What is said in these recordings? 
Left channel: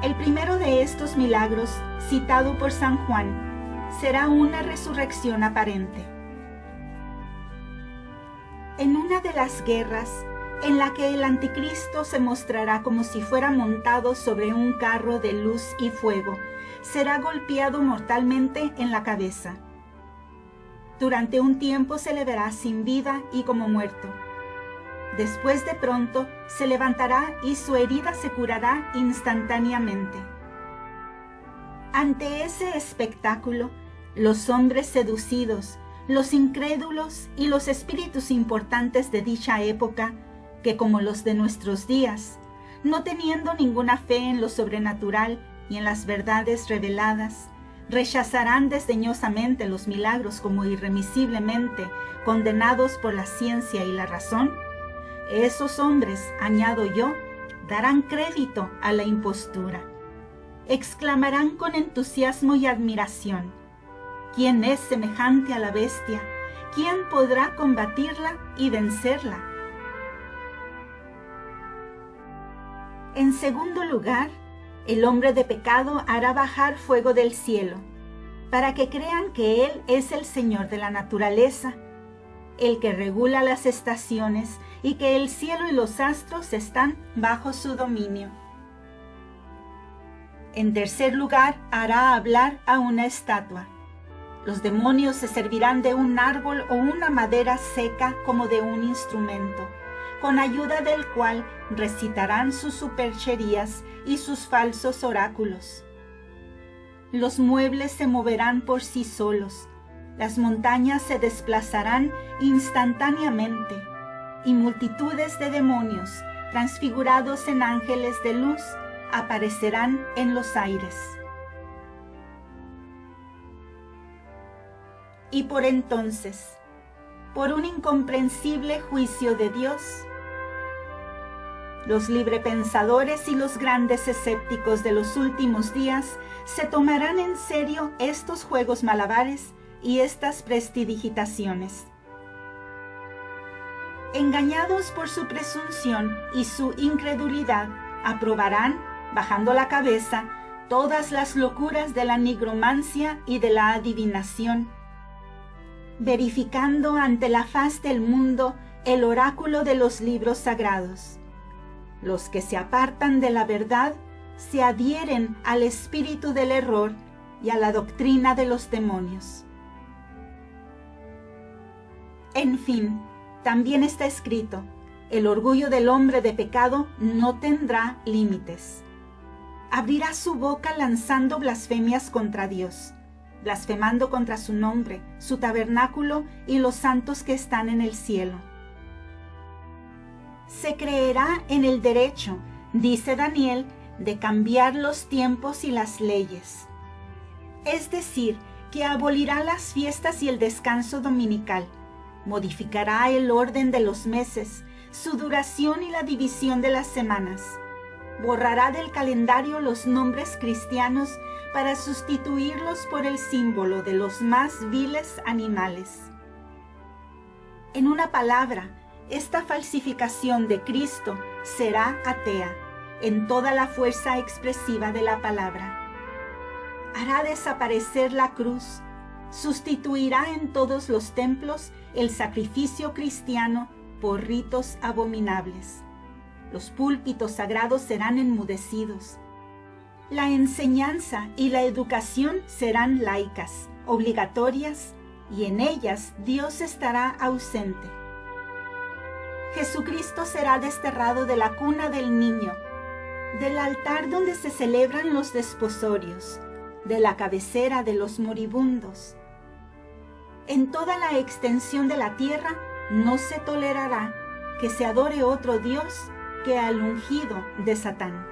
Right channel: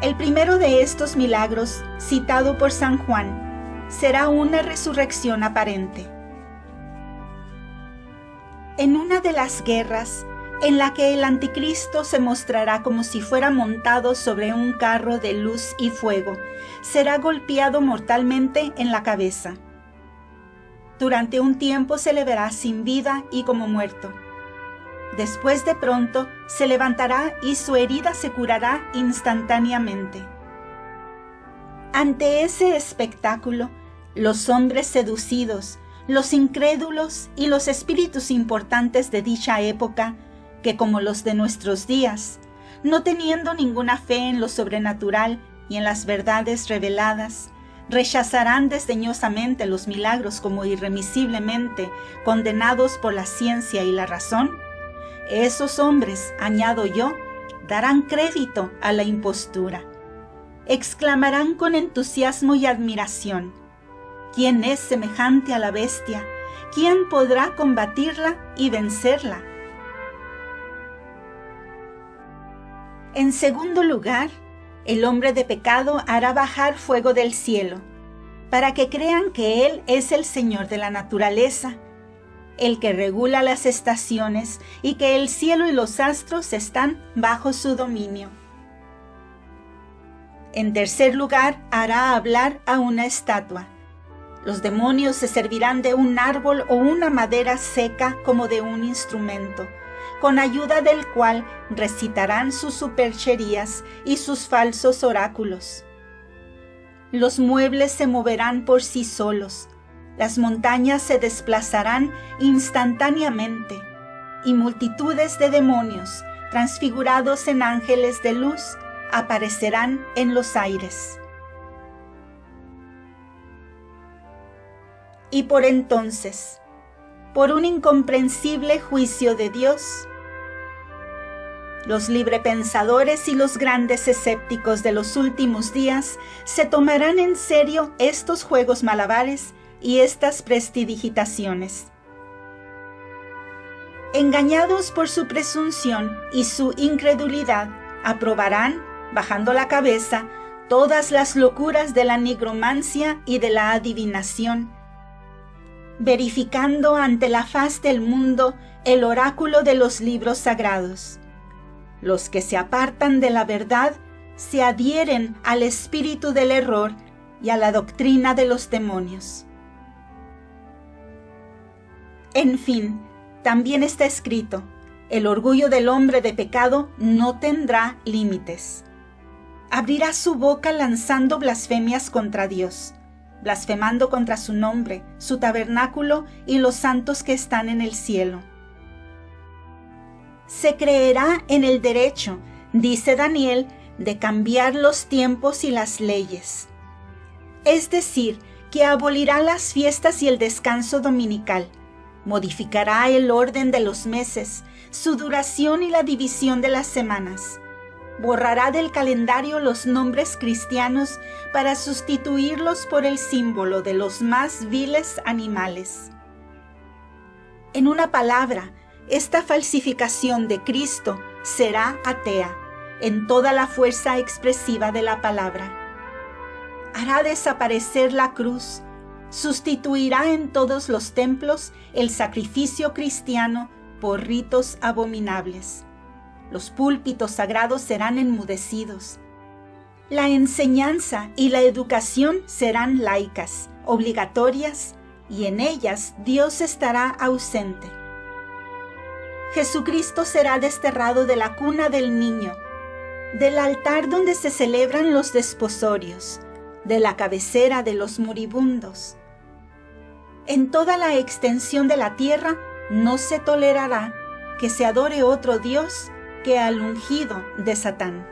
El primero de estos milagros, citado por San Juan, será una resurrección aparente. En una de las guerras, en la que el anticristo se mostrará como si fuera montado sobre un carro de luz y fuego, será golpeado mortalmente en la cabeza. Durante un tiempo se le verá sin vida y como muerto. Después de pronto se levantará y su herida se curará instantáneamente. Ante ese espectáculo, los hombres seducidos, los incrédulos y los espíritus importantes de dicha época, que como los de nuestros días, no teniendo ninguna fe en lo sobrenatural y en las verdades reveladas, rechazarán desdeñosamente los milagros como irremisiblemente condenados por la ciencia y la razón. Esos hombres, añado yo, darán crédito a la impostura. Exclamarán con entusiasmo y admiración: ¿quién es semejante a la bestia? ¿Quién podrá combatirla y vencerla? En segundo lugar, el hombre de pecado hará bajar fuego del cielo, para que crean que Él es el Señor de la naturaleza, el que regula las estaciones y que el cielo y los astros están bajo su dominio. En tercer lugar, hará hablar a una estatua. Los demonios se servirán de un árbol o una madera seca como de un instrumento, con ayuda del cual recitarán sus supercherías y sus falsos oráculos. Los muebles se moverán por sí solos, las montañas se desplazarán instantáneamente, y multitudes de demonios, transfigurados en ángeles de luz, aparecerán en los aires. Y por entonces, por un incomprensible juicio de Dios, los librepensadores y los grandes escépticos de los últimos días se tomarán en serio estos juegos malabares y estas prestidigitaciones. Engañados por su presunción y su incredulidad, aprobarán, bajando la cabeza, todas las locuras de la nigromancia y de la adivinación, verificando ante la faz del mundo el oráculo de los libros sagrados. Los que se apartan de la verdad se adhieren al espíritu del error y a la doctrina de los demonios. En fin, también está escrito: el orgullo del hombre de pecado no tendrá límites. Abrirá su boca lanzando blasfemias contra Dios, blasfemando contra su nombre, su tabernáculo y los santos que están en el cielo. Se creerá en el derecho, dice Daniel, de cambiar los tiempos y las leyes. Es decir, que abolirá las fiestas y el descanso dominical, modificará el orden de los meses, su duración y la división de las semanas. Borrará del calendario los nombres cristianos para sustituirlos por el símbolo de los más viles animales. En una palabra, esta falsificación de Cristo será atea en toda la fuerza expresiva de la palabra. Hará desaparecer la cruz, sustituirá en todos los templos el sacrificio cristiano por ritos abominables. Los púlpitos sagrados serán enmudecidos. La enseñanza y la educación serán laicas, obligatorias, y en ellas Dios estará ausente. Jesucristo será desterrado de la cuna del niño, del altar donde se celebran los desposorios, de la cabecera de los moribundos. En toda la extensión de la tierra no se tolerará que se adore otro Dios que al ungido de Satán.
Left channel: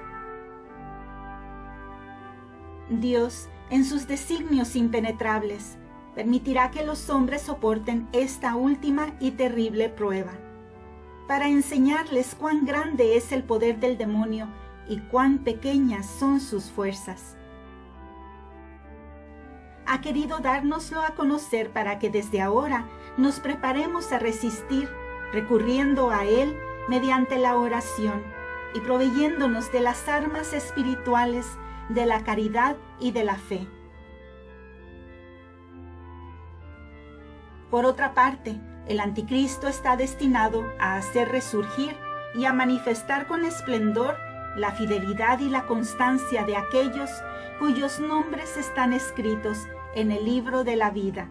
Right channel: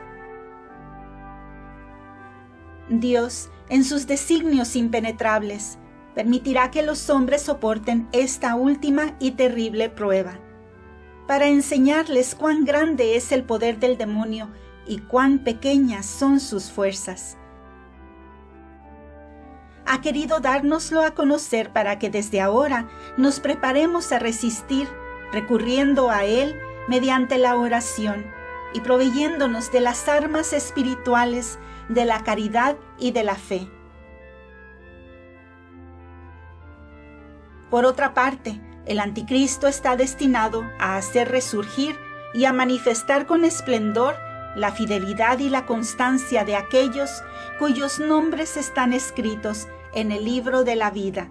Dios, en sus designios impenetrables, permitirá que los hombres soporten esta última y terrible prueba, para enseñarles cuán grande es el poder del demonio y cuán pequeñas son sus fuerzas. Ha querido dárnoslo a conocer para que desde ahora nos preparemos a resistir, recurriendo a Él mediante la oración, y proveyéndonos de las armas espirituales de la caridad y de la fe. Por otra parte, el anticristo está destinado a hacer resurgir y a manifestar con esplendor la fidelidad y la constancia de aquellos cuyos nombres están escritos en el libro de la vida,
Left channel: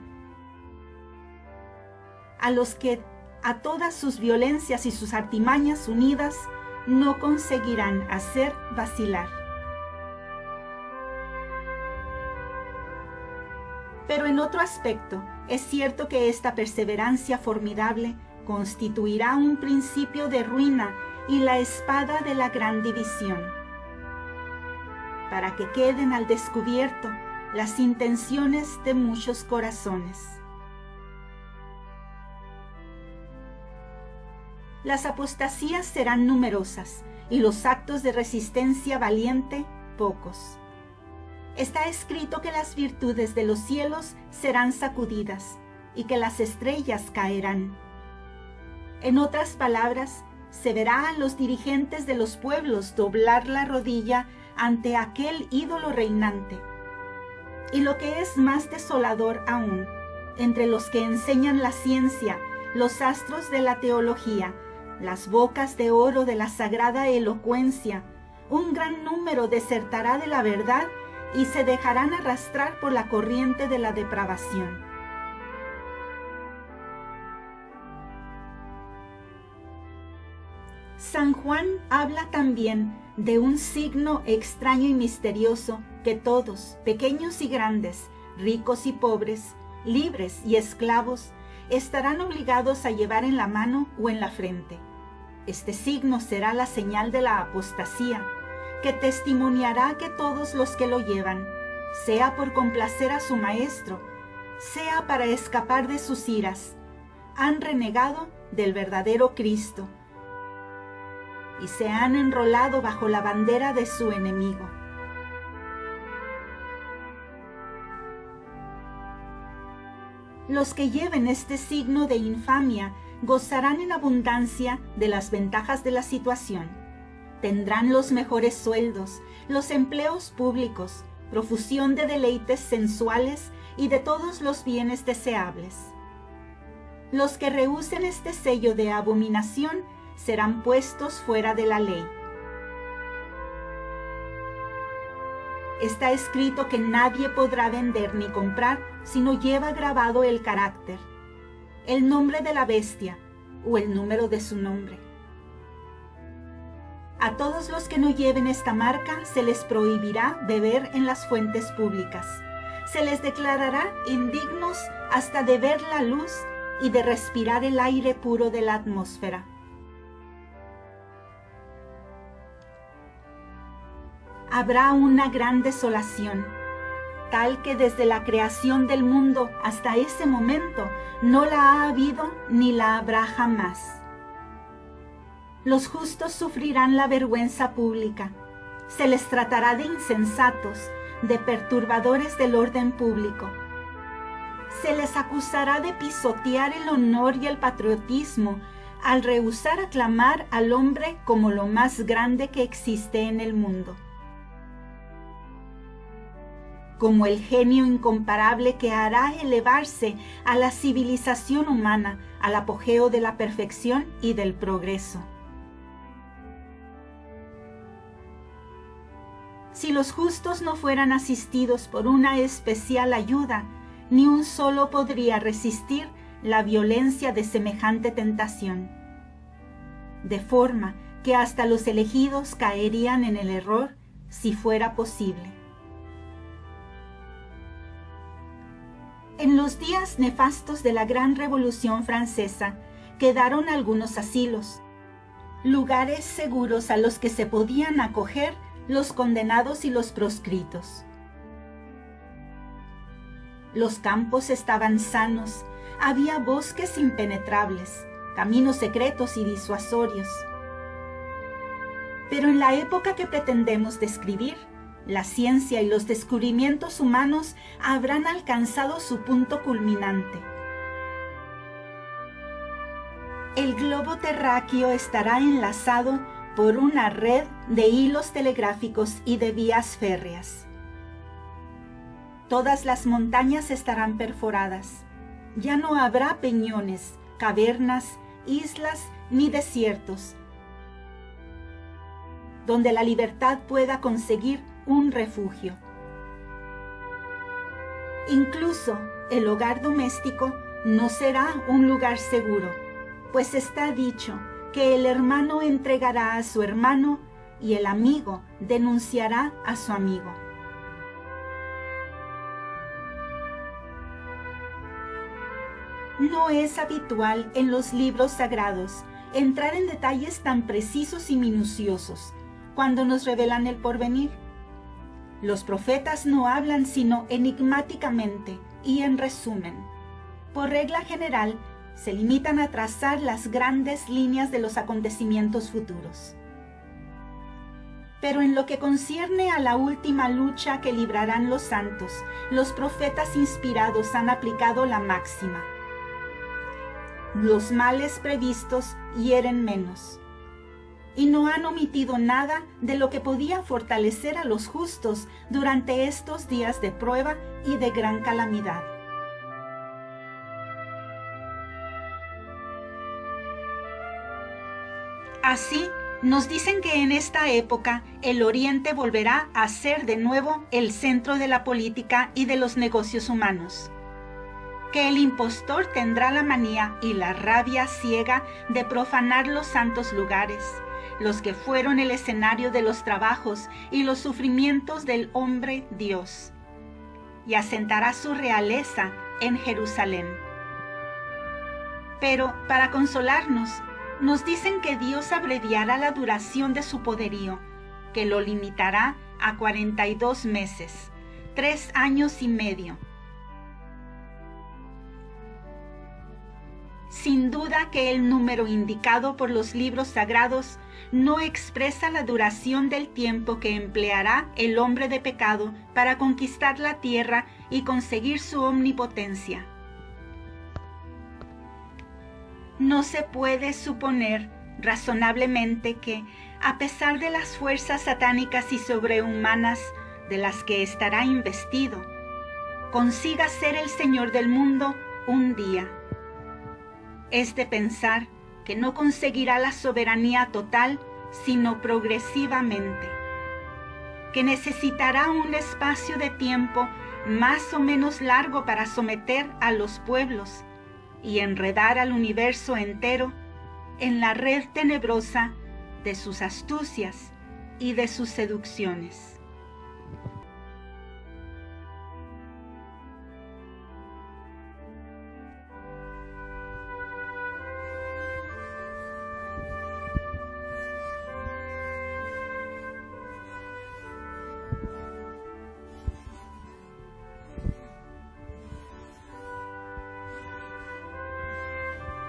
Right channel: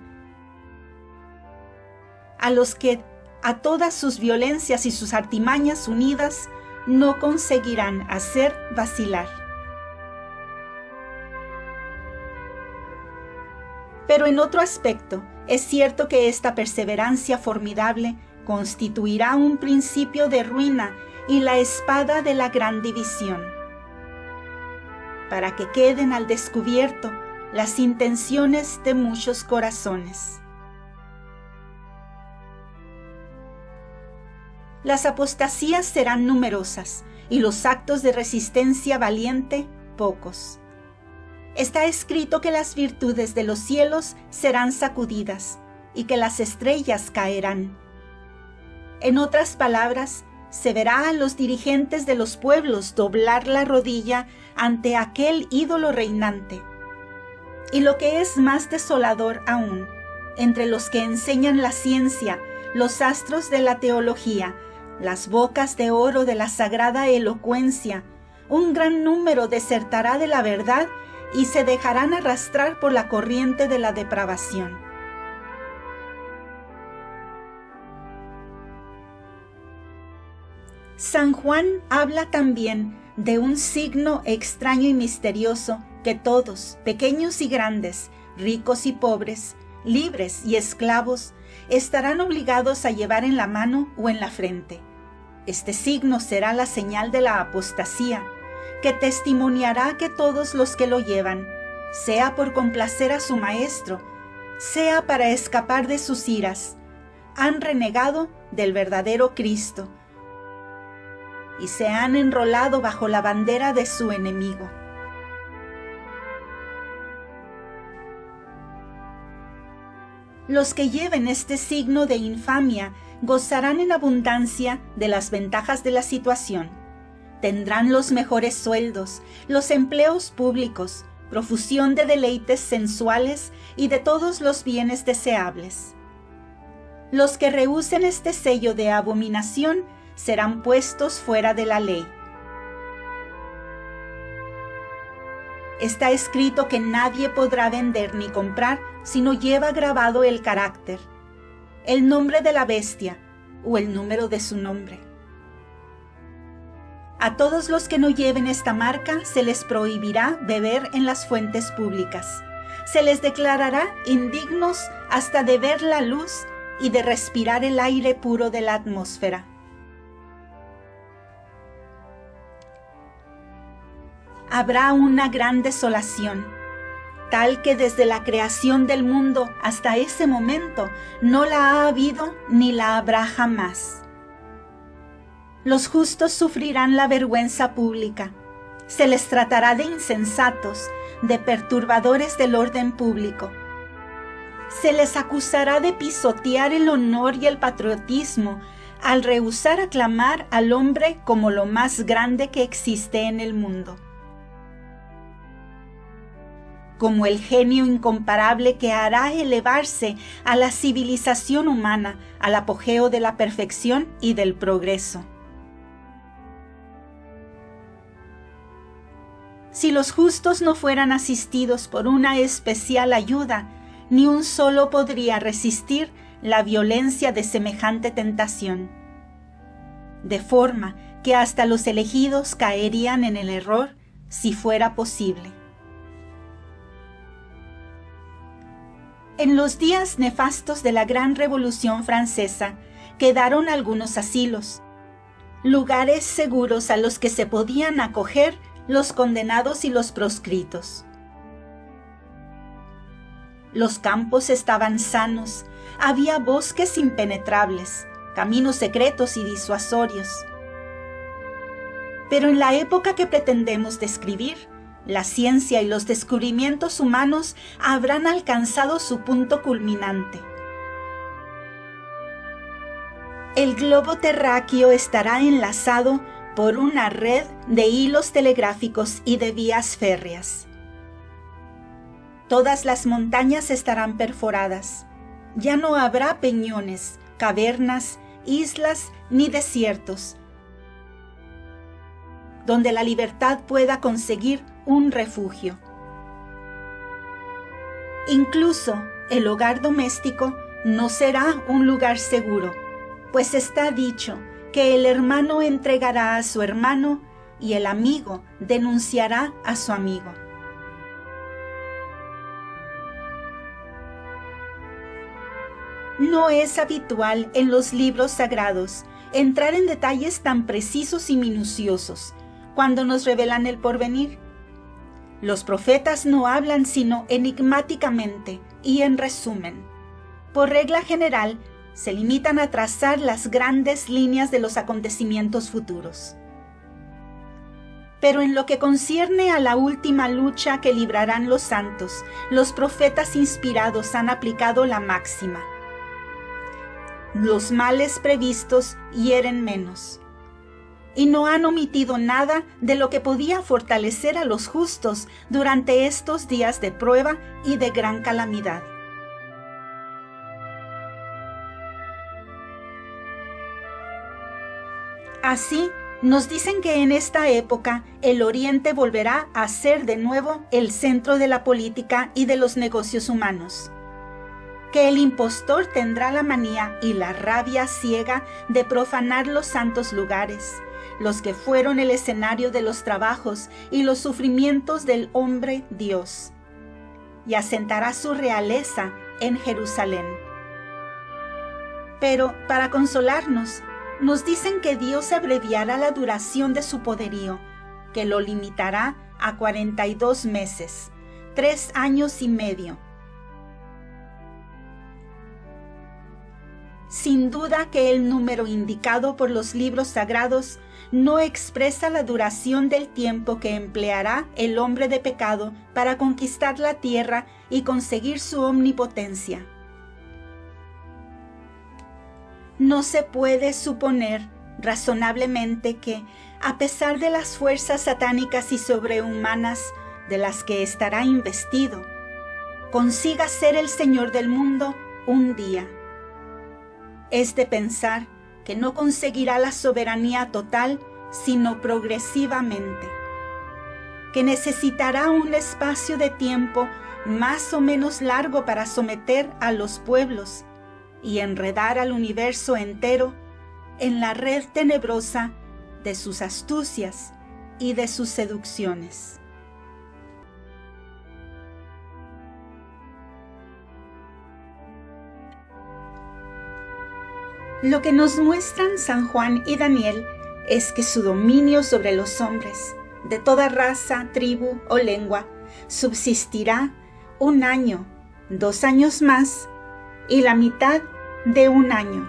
a los que a todas sus violencias y sus artimañas unidas no conseguirán hacer vacilar. Pero en otro aspecto, es cierto que esta perseverancia formidable constituirá un principio de ruina y la espada de la gran división, para que queden al descubierto las intenciones de muchos corazones. Las apostasías serán numerosas y los actos de resistencia valiente pocos. Está escrito que las virtudes de los cielos serán sacudidas y que las estrellas caerán. En otras palabras, se verá a los dirigentes de los pueblos doblar la rodilla ante aquel ídolo reinante. Y lo que es más desolador aún, entre los que enseñan la ciencia, los astros de la teología, las bocas de oro de la sagrada elocuencia, un gran número desertará de la verdad y se dejarán arrastrar por la corriente de la depravación. San Juan habla también de un signo extraño y misterioso que todos, pequeños y grandes, ricos y pobres, libres y esclavos, estarán obligados a llevar en la mano o en la frente. Este signo será la señal de la apostasía, que testimoniará que todos los que lo llevan, sea por complacer a su maestro, sea para escapar de sus iras, han renegado del verdadero Cristo y se han enrolado bajo la bandera de su enemigo. Los que lleven este signo de infamia gozarán en abundancia de las ventajas de la situación. Tendrán los mejores sueldos, los empleos públicos, profusión de deleites sensuales y de todos los bienes deseables. Los que rehúsen este sello de abominación serán puestos fuera de la ley. Está escrito que nadie podrá vender ni comprar si no lleva grabado el carácter, el nombre de la bestia o el número de su nombre. A todos los que no lleven esta marca se les prohibirá beber en las fuentes públicas. Se les declarará indignos hasta de ver la luz y de respirar el aire puro de la atmósfera. Habrá una gran desolación, tal que desde la creación del mundo hasta ese momento no la ha habido ni la habrá jamás. Los justos sufrirán la vergüenza pública. Se les tratará de insensatos, de perturbadores del orden público. Se les acusará de pisotear el honor y el patriotismo al rehusar aclamar al hombre como lo más grande que existe en el mundo, como el genio incomparable que hará elevarse a la civilización humana al apogeo de la perfección y del progreso. Si los justos no fueran asistidos por una especial ayuda, ni un solo podría resistir la violencia de semejante tentación, de forma que hasta los elegidos caerían en el error si fuera posible. En los días nefastos de la Gran Revolución Francesa quedaron algunos asilos, lugares seguros a los que se podían acoger los condenados y los proscritos. Los campos estaban sanos, había bosques impenetrables, caminos secretos y disuasorios. Pero en la época que pretendemos describir, la ciencia y los descubrimientos humanos habrán alcanzado su punto culminante. El globo terráqueo estará enlazado por una red de hilos telegráficos y de vías férreas. Todas las montañas estarán perforadas. Ya no habrá peñones, cavernas, islas ni desiertos, donde la libertad pueda conseguir un refugio. Incluso el hogar doméstico no será un lugar seguro, pues está dicho que el hermano entregará a su hermano y el amigo denunciará a su amigo. No es habitual en los libros sagrados entrar en detalles tan precisos y minuciosos cuando nos revelan el porvenir. Los profetas no hablan sino enigmáticamente y en resumen. Por regla general, se limitan a trazar las grandes líneas de los acontecimientos futuros. Pero en lo que concierne a la última lucha que librarán los santos, los profetas inspirados han aplicado la máxima: los males previstos hieren menos. Y no han omitido nada de lo que podía fortalecer a los justos durante estos días de prueba y de gran calamidad. Así, nos dicen que en esta época el Oriente volverá a ser de nuevo el centro de la política y de los negocios humanos, que el impostor tendrá la manía y la rabia ciega de profanar los santos lugares, los que fueron el escenario de los trabajos y los sufrimientos del hombre Dios, y asentará su realeza en Jerusalén. Pero, para consolarnos, nos dicen que Dios abreviará la duración de su poderío, que lo limitará a 42 meses, 3 años y medio. Sin duda que el número indicado por los libros sagrados no expresa la duración del tiempo que empleará el hombre de pecado para conquistar la tierra y conseguir su omnipotencia. No se puede suponer razonablemente que, a pesar de las fuerzas satánicas y sobrehumanas de las que estará investido, consiga ser el Señor del mundo un día. Es de pensar que no conseguirá la soberanía total, sino progresivamente, que necesitará un espacio de tiempo más o menos largo para someter a los pueblos y enredar al universo entero en la red tenebrosa de sus astucias y de sus seducciones. Lo que nos muestran San Juan y Daniel es que su dominio sobre los hombres, de toda raza, tribu o lengua, subsistirá 1 año, 2 años más y la mitad de 1 año.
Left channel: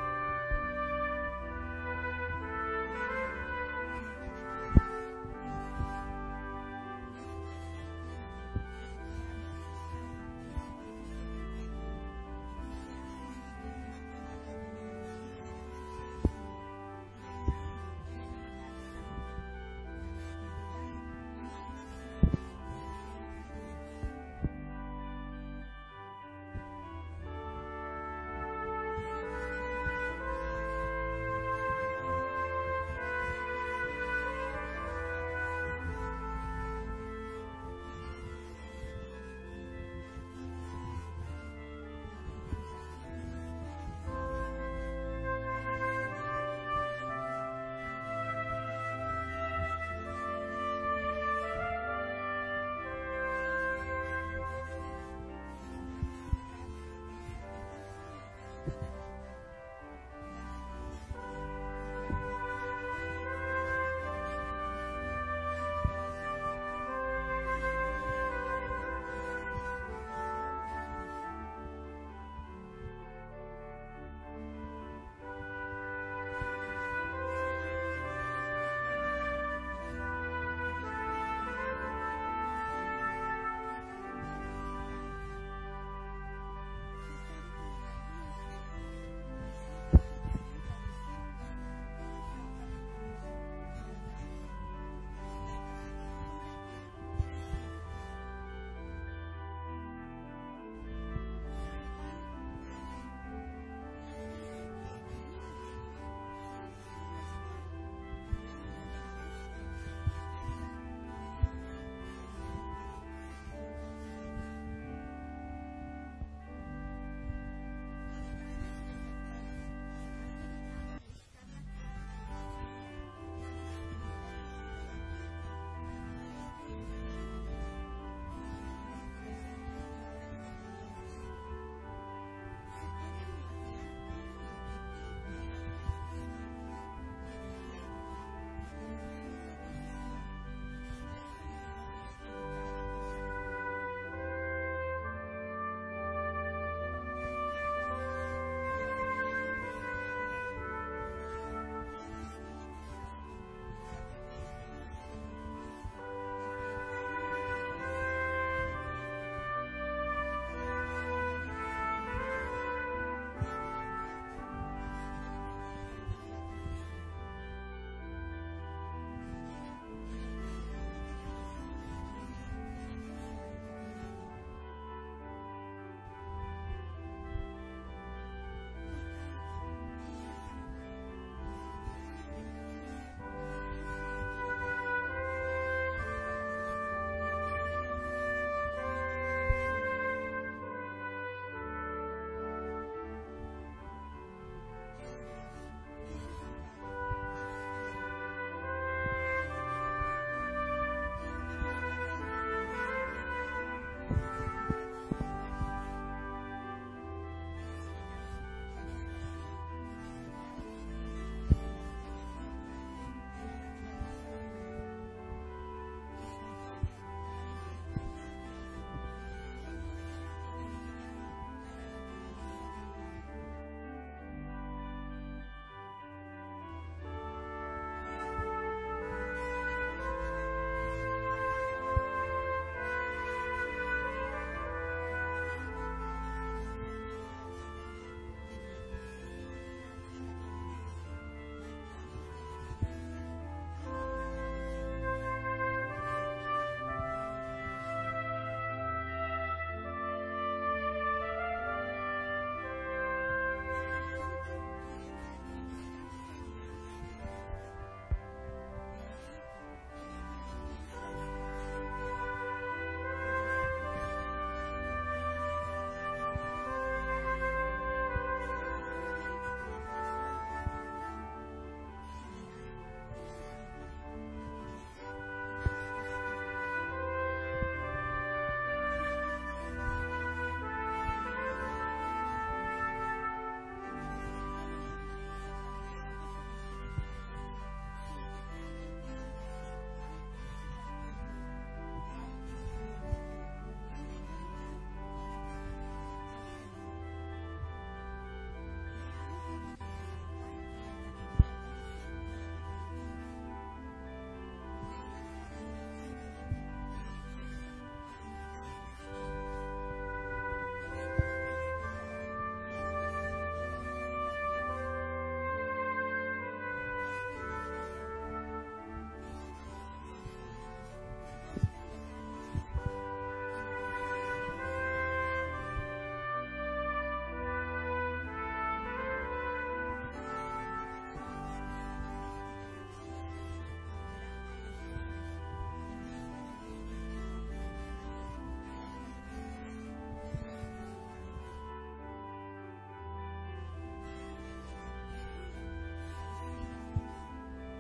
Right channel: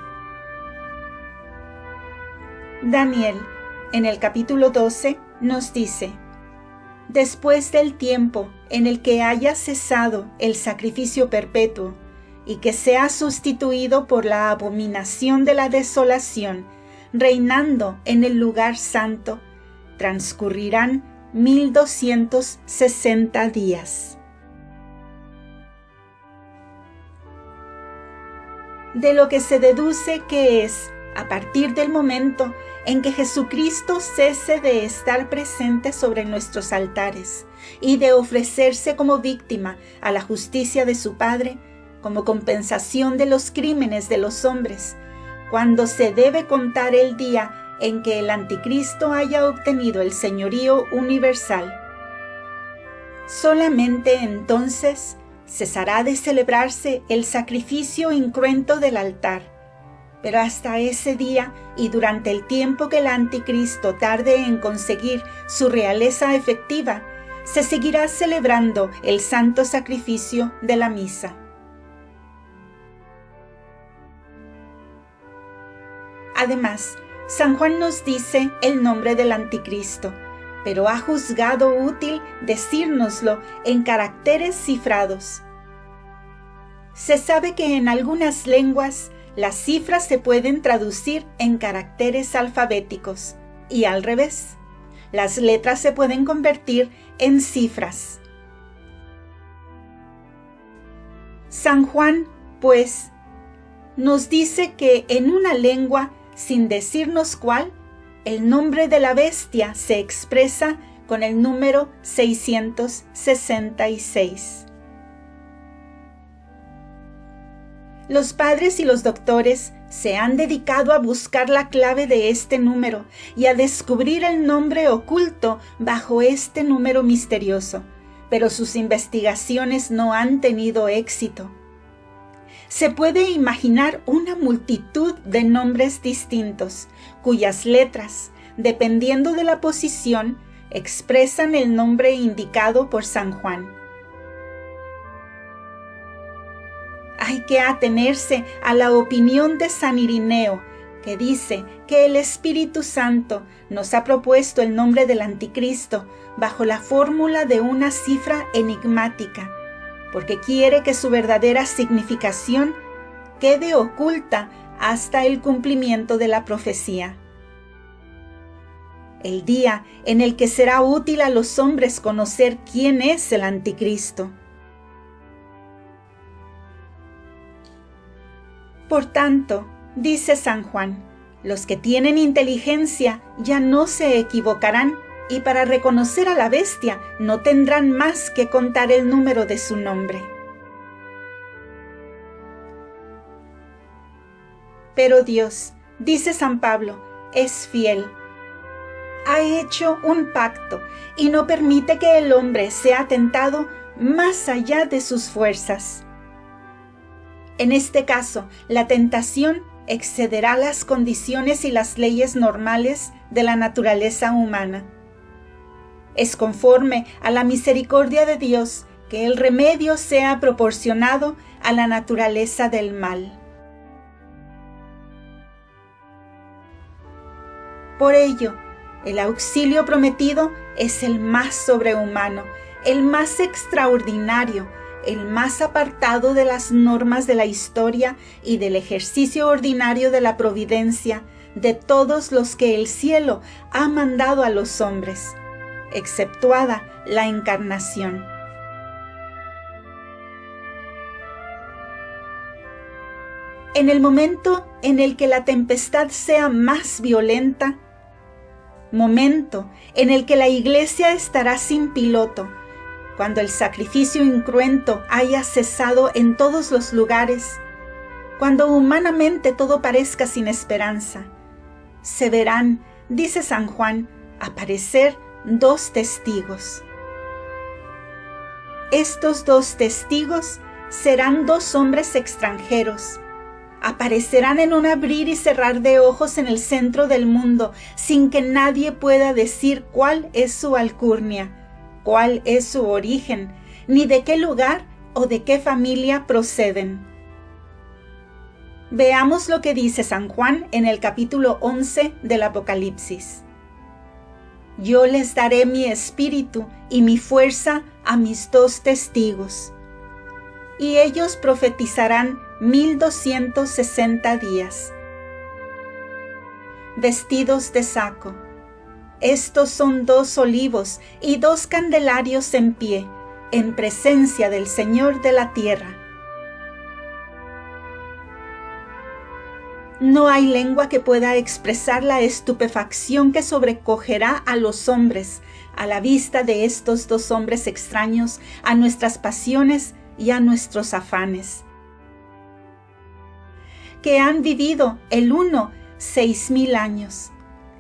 Daniel, en el capítulo 12, nos dice: después del tiempo en el que haya cesado el sacrificio perpetuo y que sea sustituido por la abominación de la desolación, reinando en el lugar santo, transcurrirán 1260 días. De lo que se deduce que es, a partir del momento en que Jesucristo cese de estar presente sobre nuestros altares y de ofrecerse como víctima a la justicia de su Padre, como compensación de los crímenes de los hombres, cuando se debe contar el día en que el anticristo haya obtenido el señorío universal. Solamente entonces cesará de celebrarse el sacrificio incruento del altar, pero hasta ese día y durante el tiempo que el anticristo tarde en conseguir su realeza efectiva, se seguirá celebrando el santo sacrificio de la misa. Además, San Juan nos dice el nombre del anticristo, pero ha juzgado útil decírnoslo en caracteres cifrados. Se sabe que en algunas lenguas las cifras se pueden traducir en caracteres alfabéticos, y al revés. Las letras se pueden convertir en cifras. San Juan, pues, nos dice que en una lengua, sin decirnos cuál, el nombre de la bestia se expresa con el número 666. Los padres y los doctores se han dedicado a buscar la clave de este número y a descubrir el nombre oculto bajo este número misterioso, pero sus investigaciones no han tenido éxito. Se puede imaginar una multitud de nombres distintos, cuyas letras, dependiendo de la posición, expresan el nombre indicado por San Juan. Hay que atenerse a la opinión de San Irineo, que dice que el Espíritu Santo nos ha propuesto el nombre del Anticristo bajo la fórmula de una cifra enigmática, porque quiere que su verdadera significación quede oculta hasta el cumplimiento de la profecía. El día en el que será útil a los hombres conocer quién es el Anticristo. Por tanto, dice San Juan, los que tienen inteligencia ya no se equivocarán y para reconocer a la bestia no tendrán más que contar el número de su nombre. Pero Dios, dice San Pablo, es fiel. Ha hecho un pacto y no permite que el hombre sea tentado más allá de sus fuerzas. En este caso, la tentación excederá las condiciones y las leyes normales de la naturaleza humana. Es conforme a la misericordia de Dios que el remedio sea proporcionado a la naturaleza del mal. Por ello, el auxilio prometido es el más sobrehumano, el más extraordinario, el más apartado de las normas de la historia y del ejercicio ordinario de la providencia de todos los que el cielo ha mandado a los hombres, exceptuada la encarnación. En el momento en el que la tempestad sea más violenta, momento en el que la iglesia estará sin piloto, cuando el sacrificio incruento haya cesado en todos los lugares, cuando humanamente todo parezca sin esperanza, se verán, dice San Juan, aparecer dos testigos. Estos dos testigos serán dos hombres extranjeros. Aparecerán en un abrir y cerrar de ojos en el centro del mundo, sin que nadie pueda decir cuál es su alcurnia, cuál es su origen, ni de qué lugar o de qué familia proceden. Veamos lo que dice San Juan en el capítulo 11 del Apocalipsis. Yo les daré mi espíritu y mi fuerza a mis dos testigos, y ellos profetizarán 1260 días, vestidos de saco. Estos son dos olivos y dos candelarios en pie, en presencia del Señor de la tierra. No hay lengua que pueda expresar la estupefacción que sobrecogerá a los hombres a la vista de estos dos hombres extraños a nuestras pasiones y a nuestros afanes, que han vivido el uno 6000 años,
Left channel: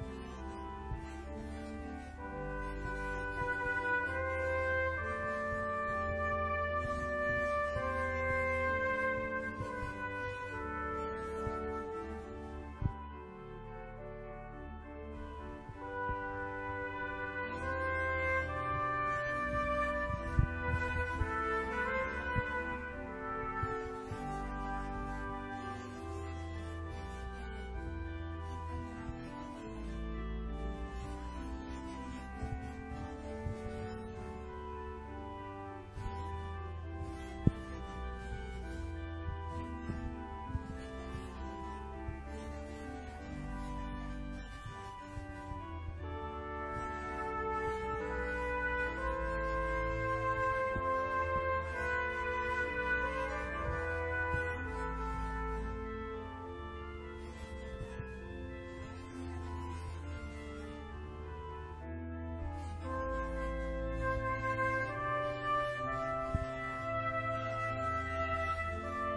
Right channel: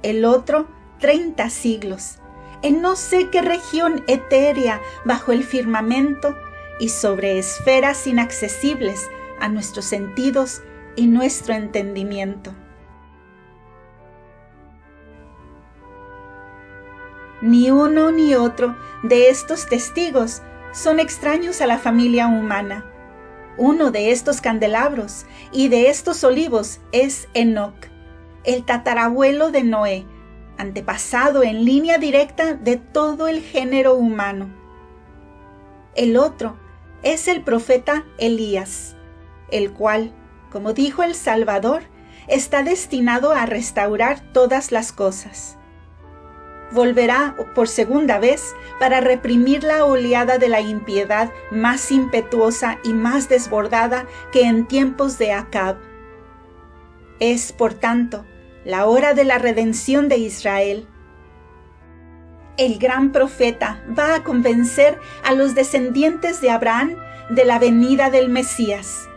el otro 30 siglos, en no sé qué región etérea bajo el firmamento y sobre esferas inaccesibles a nuestros sentidos y nuestro entendimiento. Ni uno ni otro de estos testigos son extraños a la familia humana. Uno de estos candelabros y de estos olivos es Enoc, el tatarabuelo de Noé, antepasado en línea directa de todo el género humano. El otro es el profeta Elías, el cual, como dijo el Salvador, está destinado a restaurar todas las cosas. volverá por segunda vez para reprimir la oleada de la impiedad más impetuosa y más desbordada que en tiempos de Acab. Es, por tanto, la hora de la redención de Israel. El gran profeta va a convencer a los descendientes de Abraham de la venida del Mesías,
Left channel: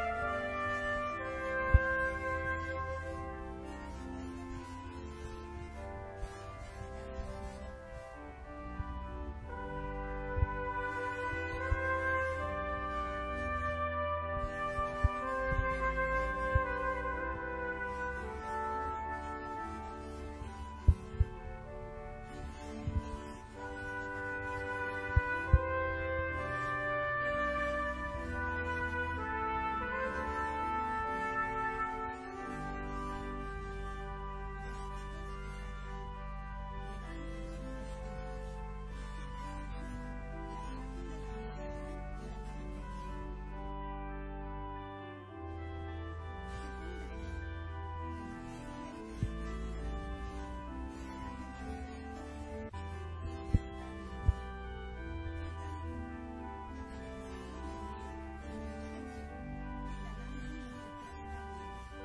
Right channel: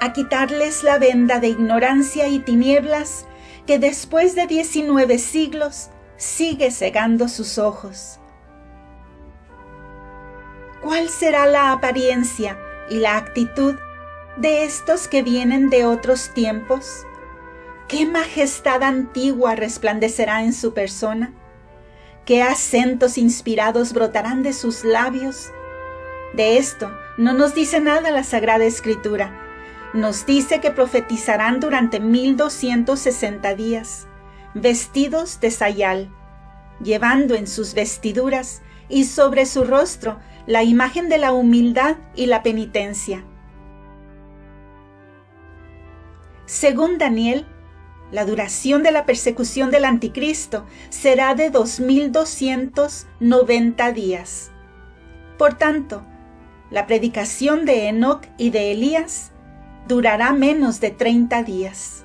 a quitarles la venda de ignorancia y tinieblas que después de 19 siglos sigue cegando sus ojos. ¿Cuál será la apariencia y la actitud de estos que vienen de otros tiempos? ¿Qué majestad antigua resplandecerá en su persona? ¿Qué acentos inspirados brotarán de sus labios? De esto no nos dice nada la Sagrada Escritura. Nos dice que profetizarán durante 1260 días, vestidos de sayal, llevando en sus vestiduras y sobre su rostro la imagen de la humildad y la penitencia. Según Daniel, la duración de la persecución del anticristo será de 2290 días. Por tanto, la predicación de Enoc y de Elías durará menos de 30 días.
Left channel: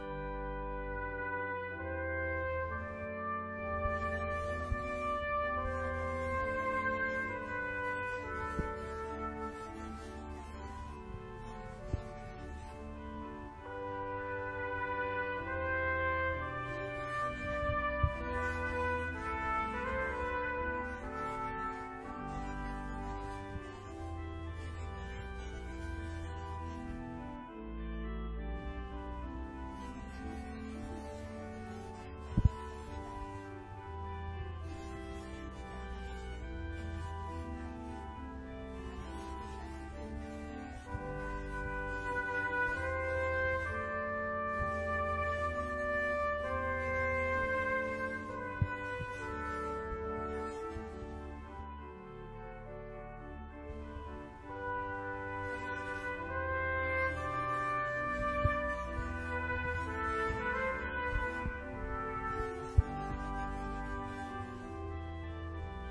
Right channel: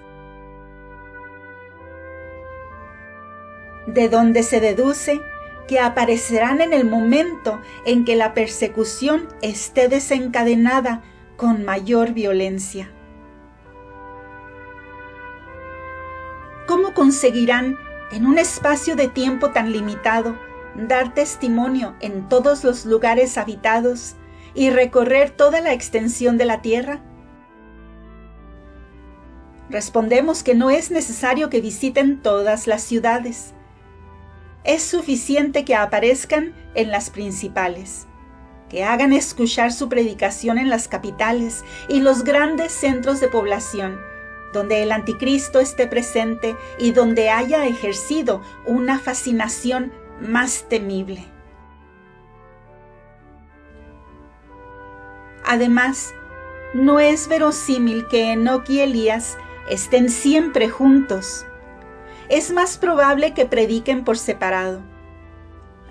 De donde se deduce que aparecerán en el momento en que la persecución esté desencadenada con mayor violencia. ¿Cómo conseguirán, en un espacio de tiempo tan limitado, dar testimonio en todos los lugares habitados y recorrer toda la extensión de la tierra? Respondemos que no es necesario que visiten todas las ciudades. Es suficiente que aparezcan en las principales, que hagan escuchar su predicación en las capitales y los grandes centros de población, donde el anticristo esté presente y donde haya ejercido una fascinación más temible. Además, no es verosímil que Enoc y Elías estén siempre juntos. Es más probable que prediquen por separado,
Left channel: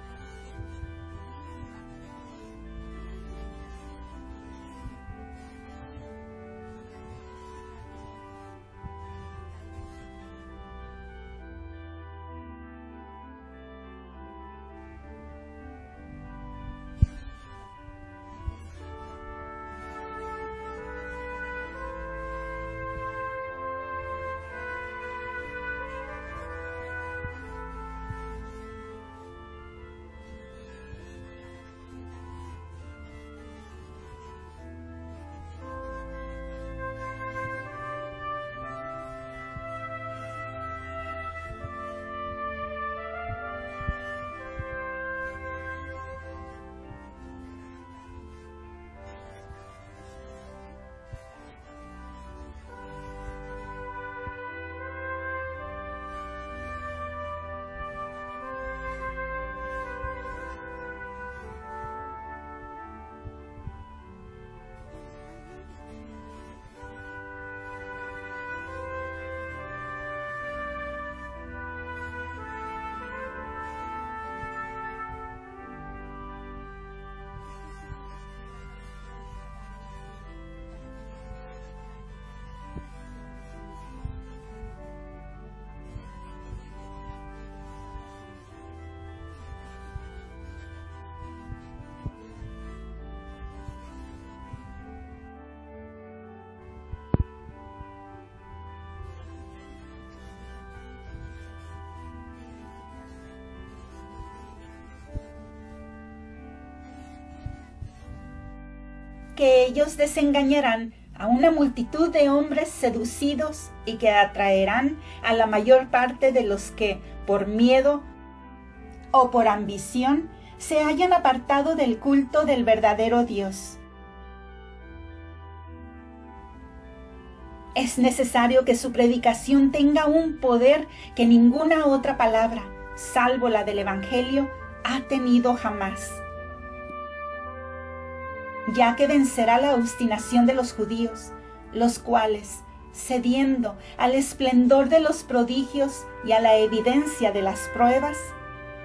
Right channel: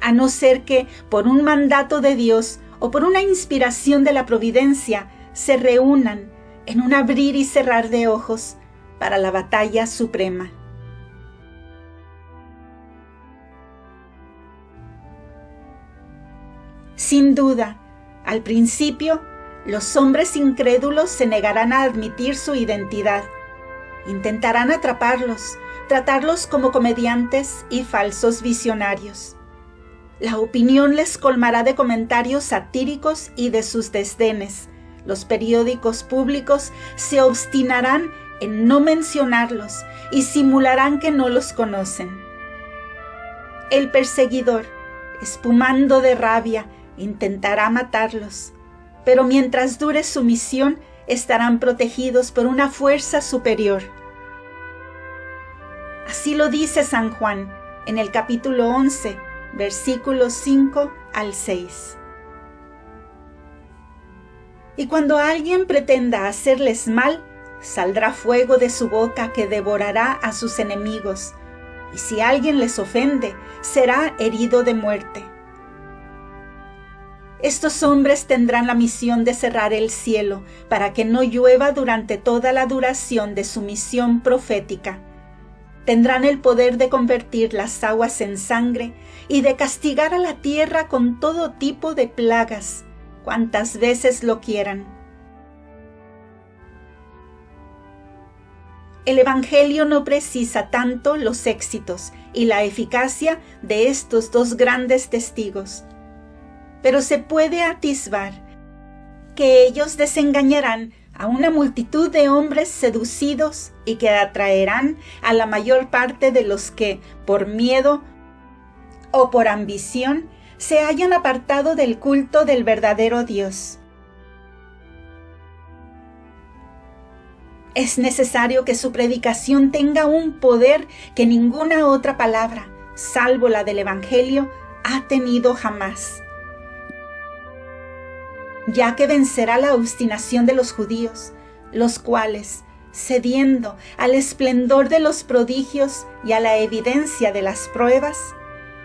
a no ser que por un mandato de Dios o por una inspiración de la providencia se reúnan en un abrir y cerrar de ojos para la batalla suprema. Sin duda, al principio, los hombres incrédulos se negarán a admitir su identidad. Intentarán atraparlos, tratarlos como comediantes y falsos visionarios. La opinión les colmará de comentarios satíricos y de sus desdenes. Los periódicos públicos se obstinarán en no mencionarlos y simularán que no los conocen. El perseguidor, espumando de rabia, intentará matarlos, pero mientras dure su misión, estarán protegidos por una fuerza superior. Así lo dice San Juan en el capítulo 11, versículos 5 al 6. Y cuando alguien pretenda hacerles mal, saldrá fuego de su boca que devorará a sus enemigos, y si alguien les ofende, será herido de muerte. Estos hombres tendrán la misión de cerrar el cielo para que no llueva durante toda la duración de su misión profética. Tendrán el poder de convertir las aguas en sangre y de castigar a la tierra con todo tipo de plagas, cuantas veces lo quieran. El Evangelio no precisa tanto los éxitos y la eficacia de estos dos grandes testigos, pero se puede atisbar que ellos desengañarán a una multitud de hombres seducidos y que atraerán a la mayor parte de los que, por miedo o por ambición, se hayan apartado del culto del verdadero Dios. Es necesario que su predicación tenga un poder que ninguna otra palabra, salvo la del Evangelio, ha tenido jamás, ya que vencerá la obstinación de los judíos, los cuales, cediendo al esplendor de los prodigios y a la evidencia de las pruebas,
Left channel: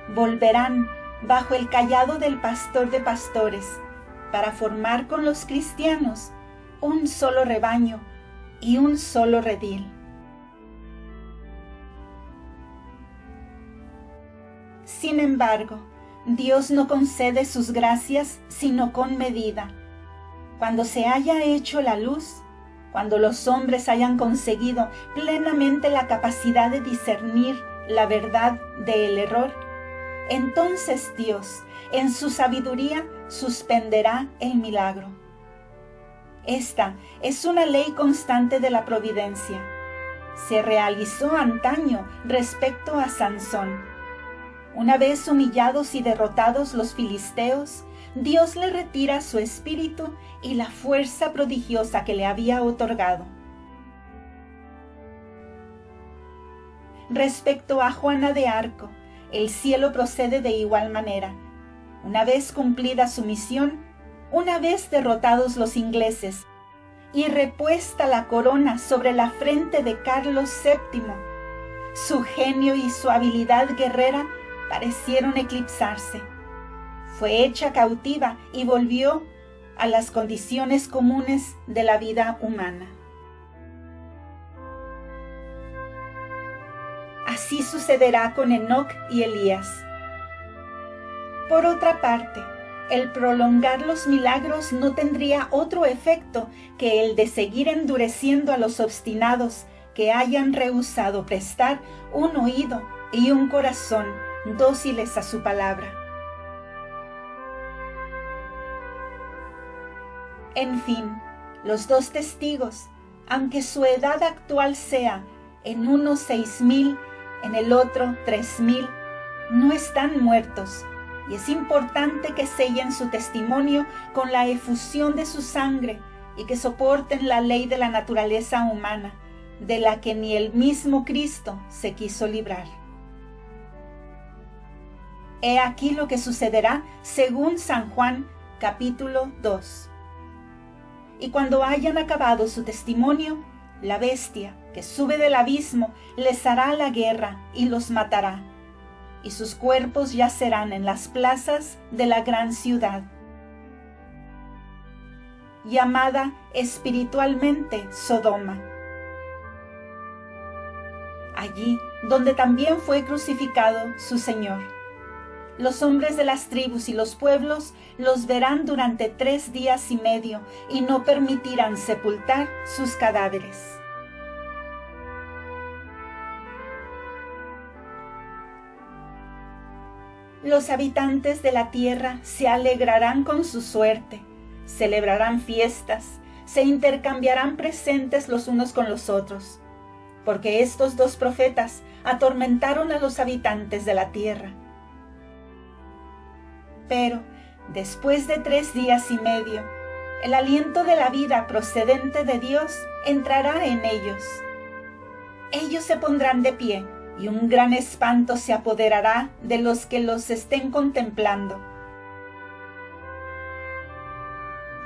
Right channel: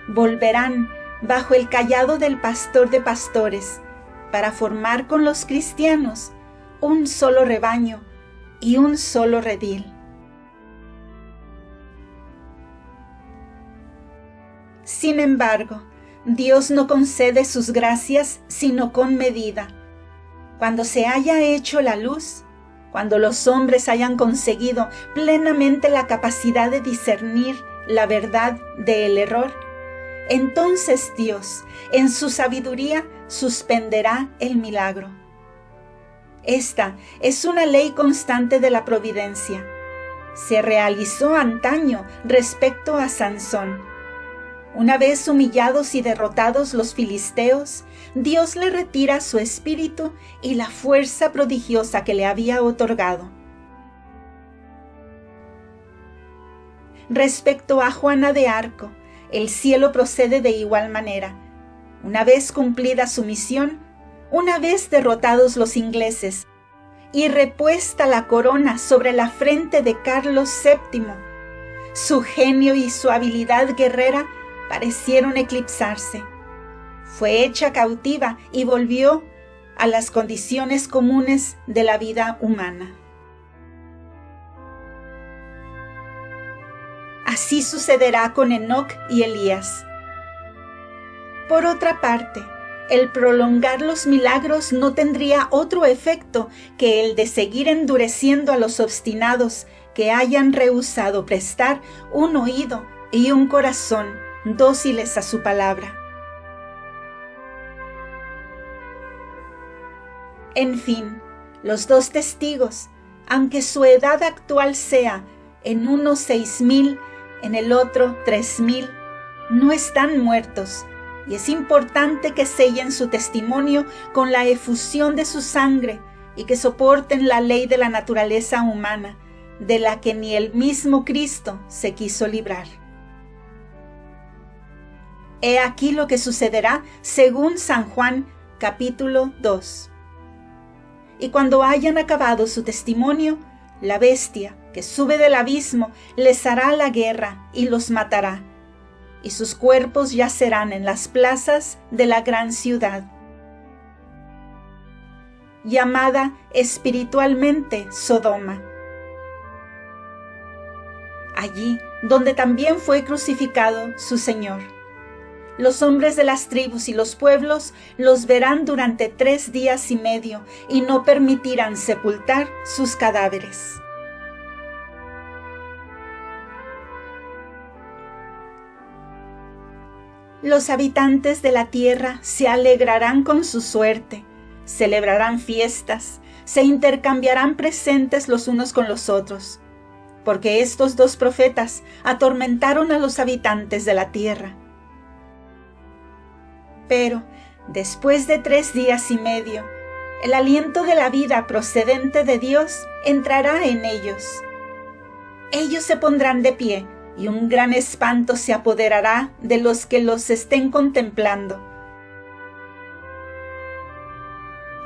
volverán bajo el cayado del pastor de pastores para formar con los cristianos un solo rebaño y un solo redil. Sin embargo, Dios no concede sus gracias sino con medida. Cuando se haya hecho la luz, cuando los hombres hayan conseguido plenamente la capacidad de discernir la verdad del error, entonces Dios, en su sabiduría, suspenderá el milagro. Esta es una ley constante de la providencia. Se realizó antaño respecto a Sansón. Una vez humillados y derrotados los filisteos, Dios le retira su espíritu y la fuerza prodigiosa que le había otorgado. Respecto a Juana de Arco, el cielo procede de igual manera. Una vez cumplida su misión, una vez derrotados los ingleses y repuesta la corona sobre la frente de Carlos VII, su genio y su habilidad guerrera parecieron eclipsarse. Fue hecha cautiva y volvió a las condiciones comunes de la vida humana. Así sucederá con Enoc y Elías. Por otra parte, el prolongar los milagros no tendría otro efecto que el de seguir endureciendo a los obstinados que hayan rehusado prestar un oído y un corazón dóciles a su palabra. En fin, los dos testigos, aunque su edad actual sea en uno 6,000, en el otro 3,000, no están muertos, y es importante que sellen su testimonio con la efusión de su sangre y que soporten la ley de la naturaleza humana, de la que ni el mismo Cristo se quiso librar. He aquí lo que sucederá según San Juan, capítulo 2. Y cuando hayan acabado su testimonio, la bestia que sube del abismo les hará la guerra y los matará, y sus cuerpos yacerán en las plazas de la gran ciudad, llamada espiritualmente Sodoma. Allí donde también fue crucificado su Señor. Los hombres de las tribus y los pueblos los verán durante 3 días y medio y no permitirán sepultar sus cadáveres. Los habitantes de la tierra se alegrarán con su suerte, celebrarán fiestas, se intercambiarán presentes los unos con los otros, porque estos 2 profetas atormentaron a los habitantes de la tierra. Pero, después de 3 días y medio, el aliento de la vida procedente de Dios entrará en ellos. Ellos se pondrán de pie, y un gran espanto se apoderará de los que los estén contemplando.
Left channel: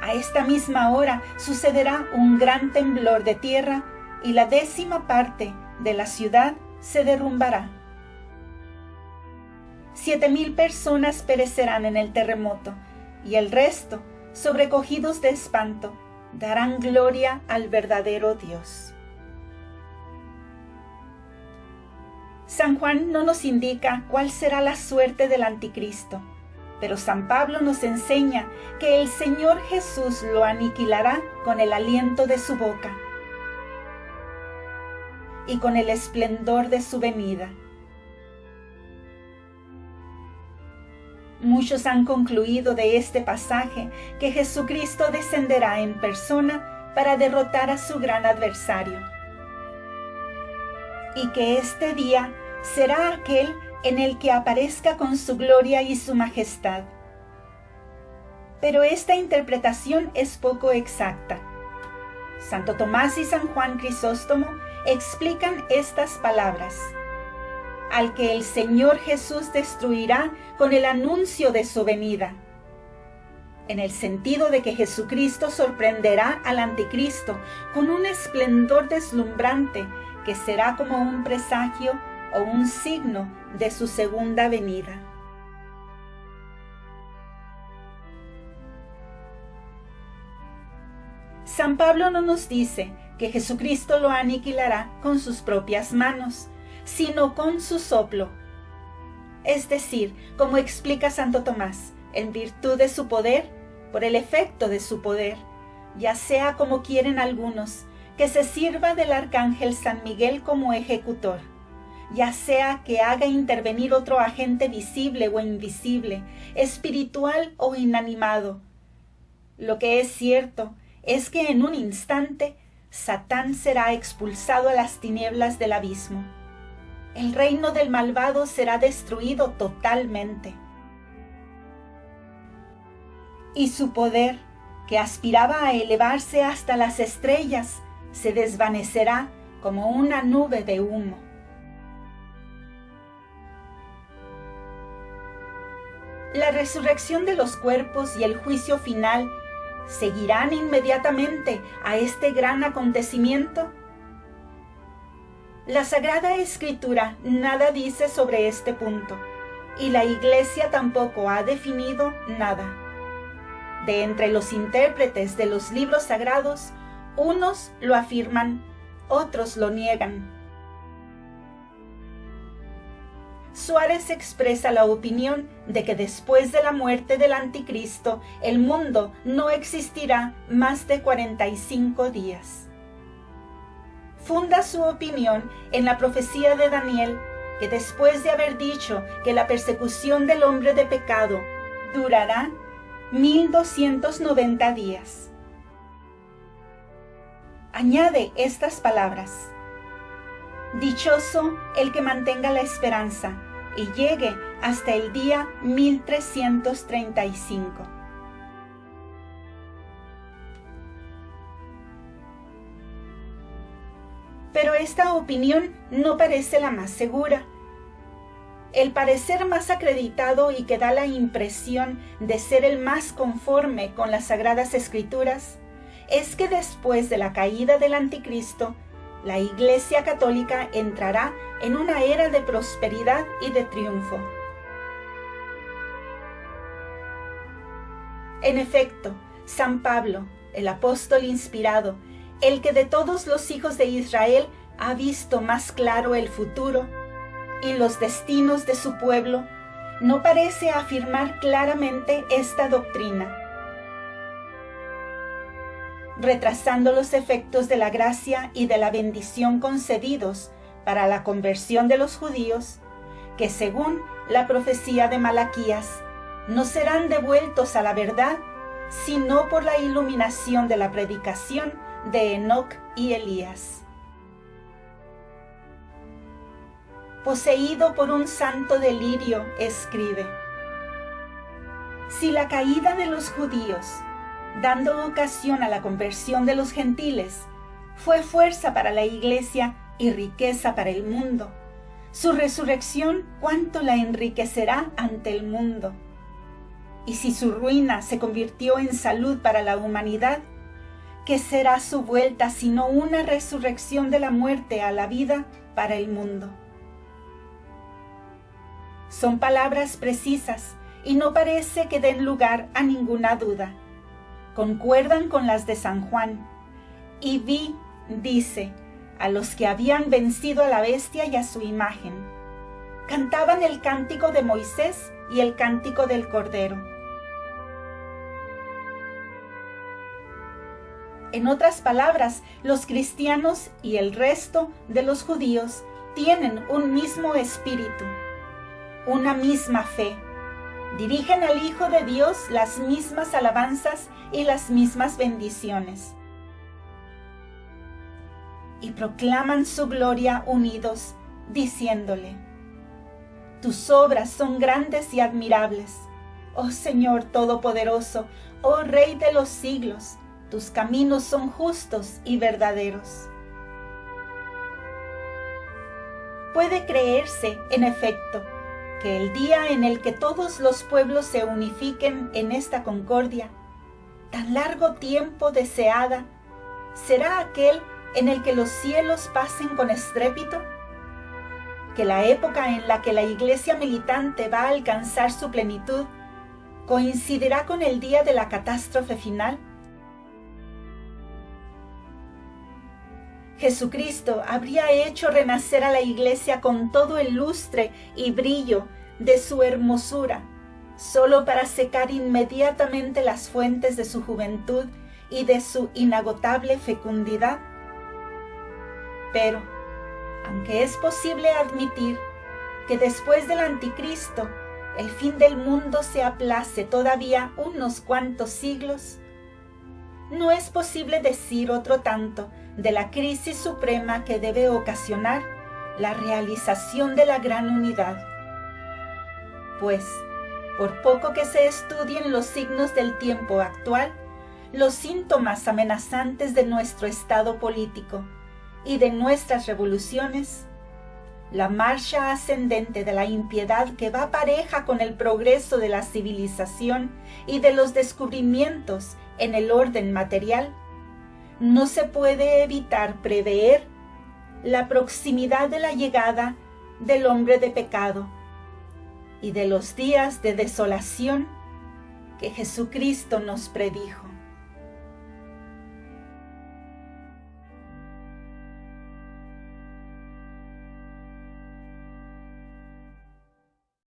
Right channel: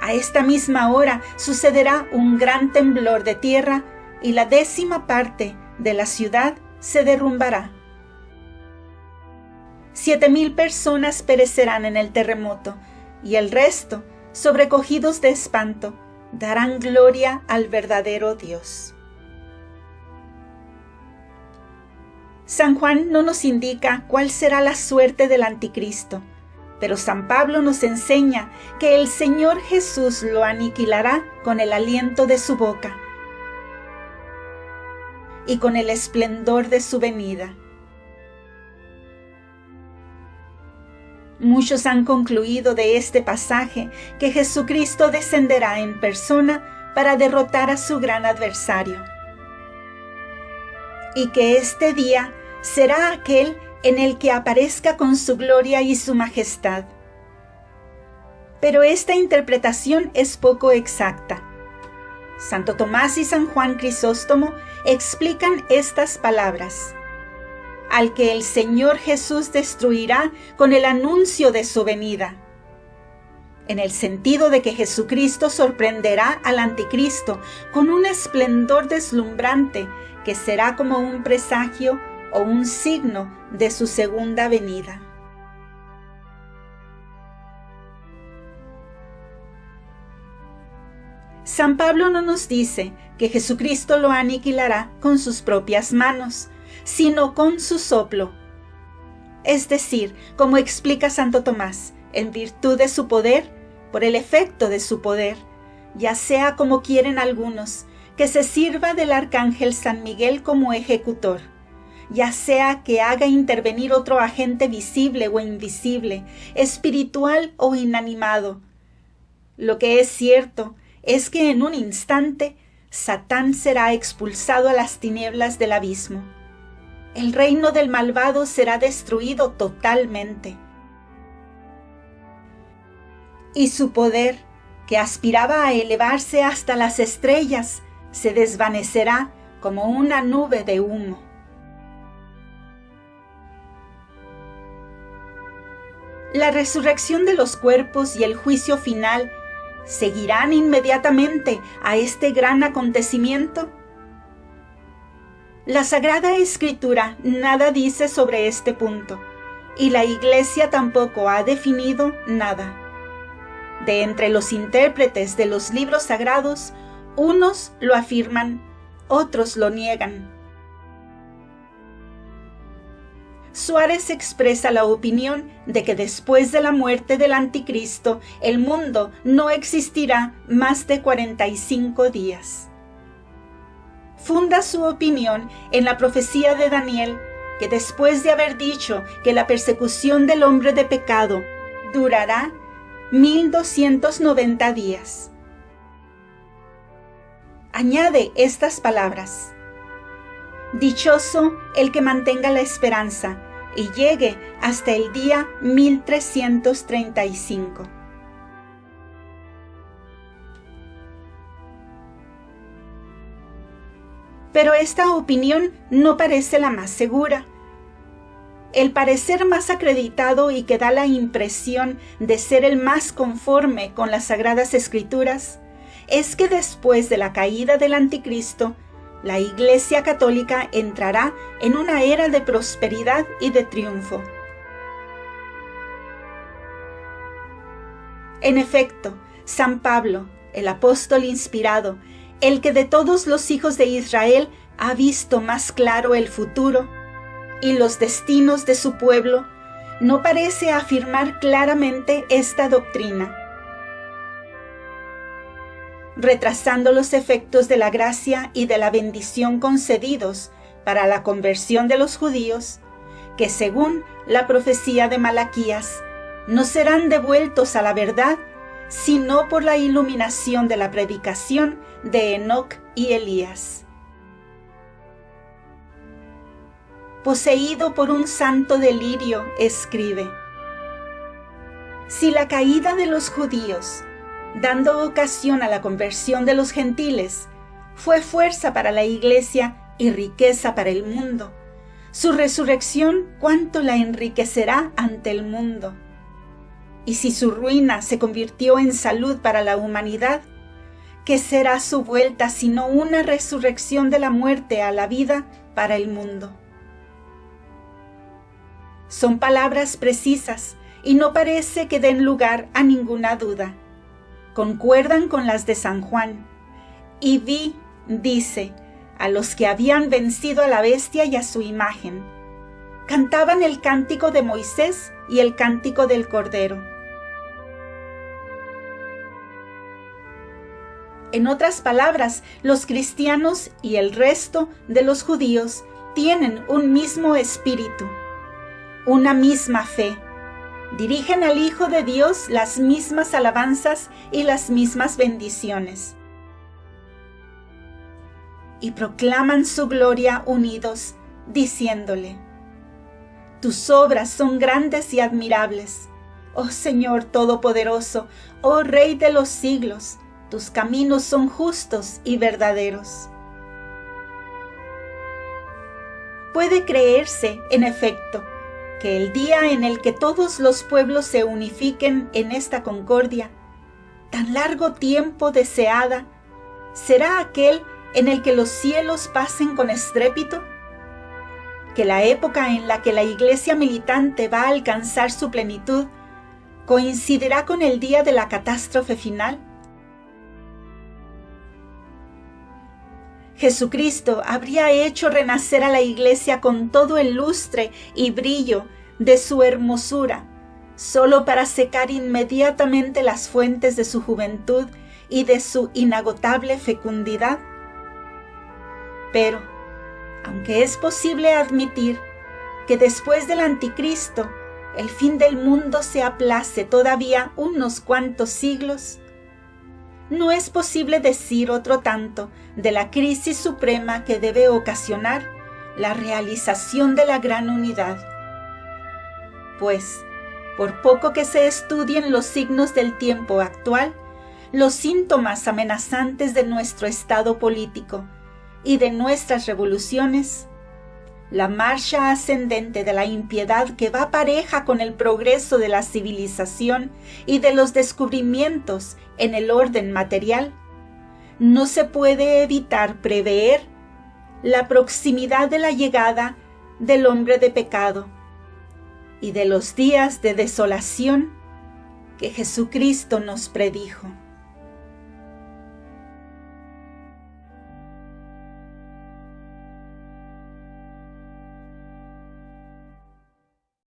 A esta misma hora sucederá un gran temblor de tierra, y la 10ª parte de la ciudad se derrumbará. 7,000 personas perecerán en el terremoto, y el resto, sobrecogidos de espanto, darán gloria al verdadero Dios. San Juan no nos indica cuál será la suerte del anticristo, pero San Pablo nos enseña que el Señor Jesús lo aniquilará con el aliento de su boca y con el esplendor de su venida. Muchos han concluido de este pasaje que Jesucristo descenderá en persona para derrotar a su gran adversario, y que este día será aquel en el que aparezca con su gloria y su majestad. Pero esta interpretación es poco exacta. Santo Tomás y San Juan Crisóstomo explican estas palabras: al que el Señor Jesús destruirá con el anuncio de su venida. en el sentido de que Jesucristo sorprenderá al anticristo con un esplendor deslumbrante que será como un presagio o un signo de su segunda venida. San Pablo no nos dice que Jesucristo lo aniquilará con sus propias manos, sino con su soplo. Es decir, como explica Santo Tomás, en virtud de su poder, por el efecto de su poder, ya sea como quieren algunos, que se sirva del arcángel San Miguel como ejecutor, ya sea que haga intervenir otro agente visible o invisible, espiritual o inanimado. Lo que es cierto es que en un instante Satán será expulsado a las tinieblas del abismo. El reino del malvado será destruido totalmente. Y su poder, que aspiraba a elevarse hasta las estrellas, se desvanecerá como una nube de humo. La resurrección de los cuerpos y el juicio final ¿seguirán inmediatamente a este gran acontecimiento? La Sagrada Escritura nada dice sobre este punto, y la Iglesia tampoco ha definido nada. De entre los intérpretes de los libros sagrados, unos lo afirman, otros lo niegan. Suárez expresa la opinión de que después de la muerte del anticristo, el mundo no existirá más de 45 días. Funda su opinión en la profecía de Daniel, que después de haber dicho que la persecución del hombre de pecado durará 1290 días. Añade estas palabras: dichoso el que mantenga la esperanza y llegue hasta el día 1335. Pero esta opinión no parece la más segura. El parecer más acreditado y que da la impresión de ser el más conforme con las Sagradas Escrituras es que después de la caída del anticristo, la Iglesia Católica entrará en una era de prosperidad y de triunfo. En efecto, San Pablo, el apóstol inspirado, el que de todos los hijos de Israel ha visto más claro el futuro y los destinos de su pueblo, no parece afirmar claramente esta doctrina, retrasando los efectos de la gracia y de la bendición concedidos para la conversión de los judíos, que según la profecía de Malaquías, no serán devueltos a la verdad, sino por la iluminación de la predicación de Enoc y Elías. Poseído por un santo delirio, escribe: si la caída de los judíos, dando ocasión a la conversión de los gentiles, fue fuerza para la Iglesia y riqueza para el mundo, su resurrección cuánto la enriquecerá ante el mundo. Y si su ruina se convirtió en salud para la humanidad, ¿qué será su vuelta sino una resurrección de la muerte a la vida para el mundo? Son palabras precisas y no parece que den lugar a ninguna duda. Concuerdan con las de San Juan. Y vi, dice, a los que habían vencido a la bestia y a su imagen. Cantaban el cántico de Moisés y el cántico del Cordero. En otras palabras, los cristianos y el resto de los judíos tienen un mismo espíritu, una misma fe. Dirigen al Hijo de Dios las mismas alabanzas y las mismas bendiciones. Y proclaman su gloria unidos, diciéndole: tus obras son grandes y admirables, oh Señor Todopoderoso, oh Rey de los siglos, tus caminos son justos y verdaderos. Puede creerse, en efecto, que el día en el que todos los pueblos se unifiquen en esta concordia tan largo tiempo deseada, será aquel en el que los cielos pasen con estrépito? ¿Que la época en la que la Iglesia militante va a alcanzar su plenitud coincidirá con el día de la catástrofe final? Jesucristo habría hecho renacer a la Iglesia con todo el lustre y brillo de su hermosura, solo para secar inmediatamente las fuentes de su juventud y de su inagotable fecundidad. Pero, aunque es posible admitir que después del anticristo el fin del mundo se aplace todavía unos cuantos siglos, no es posible decir otro tanto de la crisis suprema que debe ocasionar la realización de la gran unidad. Pues, por poco que se estudien los signos del tiempo actual, los síntomas amenazantes de nuestro estado político y de nuestras revoluciones, la marcha ascendente de la impiedad que va pareja con el progreso de la civilización y de los descubrimientos en el orden material, no se puede evitar prever la proximidad de la llegada del hombre de pecado y de los días de desolación que Jesucristo nos predijo.